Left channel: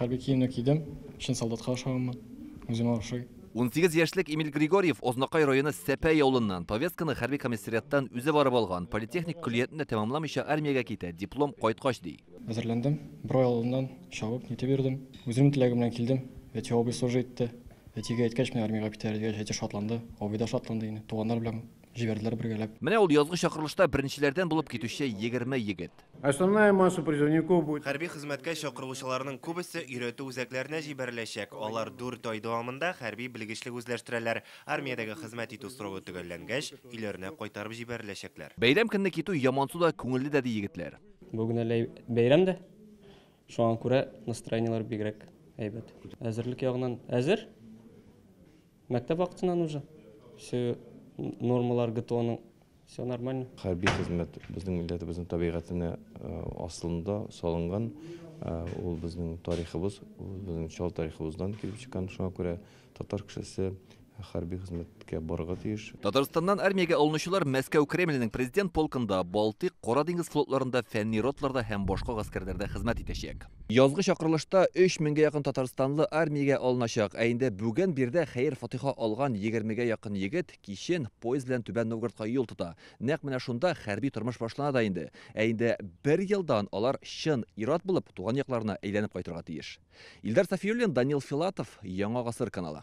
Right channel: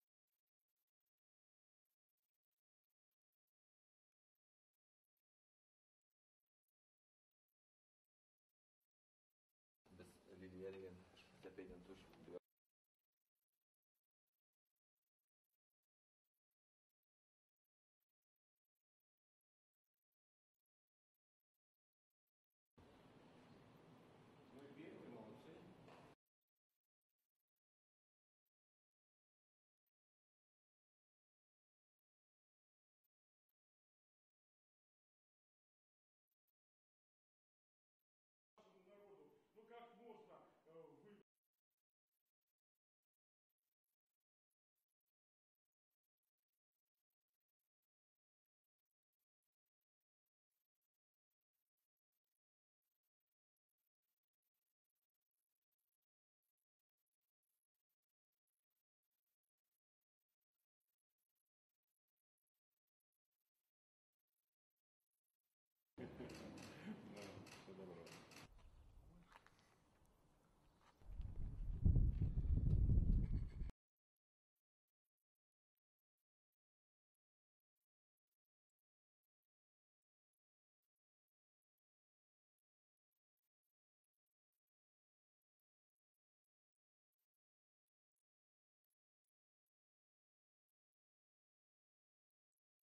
Хәрби киемне кидем, чин солдатка охшаганмын, үземә охшый. 18 яшьлек Эмиль Григорьев Ознакай районы Сәпәй авылыннан повестканы хәрби комиссариаттан үзе барып алган, политехник күллиятне тәмамламыйча армиягә китә, диплом кайткач ди. Әзерләндем, бер ай алдыннан чабып, нитеп бирдем. Үземнең теләгем белән килдем. Әти абый служа итте. Әтигә әйткәч, мен армиягә китәр дигәч, әти шатланды. Абый да шатланды инде. Туганнар белән җибәрделәр бергәләп. Менә ул язгы чакырылышта беренчеләрдән булып китүче 20 егет. Основная масса призывников будет. Хәрби хезмәткә чакырылучыларның күбесе өйрәтү үзәкләренә җибәреләчәк. Алар 4 ай дәвамында хәрби белгечлек үзләштерәләр. Армиядәге хезмәт итү срогы төгәлләнгәч, өйләренә кайтарып җибәреләчәкләр. Бәйрәм көнне китү ямансу да күңелле дә ди егетләр. Бүген әле бәйрәм дә. Шуңа күрә настроениелар бигрәк әйбәт. Әзерлек ягыннан әзер. Мәктәп вакытыннан уже. Все нормалар ГТОның все нормально. Хәрби хезмәт безнең милләтебезнең табигатына асылында салынган, ул безнең тарихыбыз, безнең чал тарихыбыздан килеп чыккан. Шуңа күрә татар кешесе хәрби хезмәткә барырга тиеш. Татарстаннан армиягә алынучылар Мәскәү Кремленең президент полкында, Балтык, Кара диңгез флотларында, фәнни ротларда һәм башка гаскәрләрдә хезмәт итәчәк. Язгы чакырылышта 3000-гә якын татарстанлы армиягә алыначак. Инде бүген бирдә хәер-фатиха алган 20-гә якын егет кичен поезд белән Түбән Новгородка юл тота. Нәкъ менә шунда хәрби тормыш башлана да инде. Инде 1 елдан алар чын ират булып туган якларына әйләнеп кайтырга тиеш. Илдар Сафиуллин, Данил Филатов, Яңа гасыр каналы.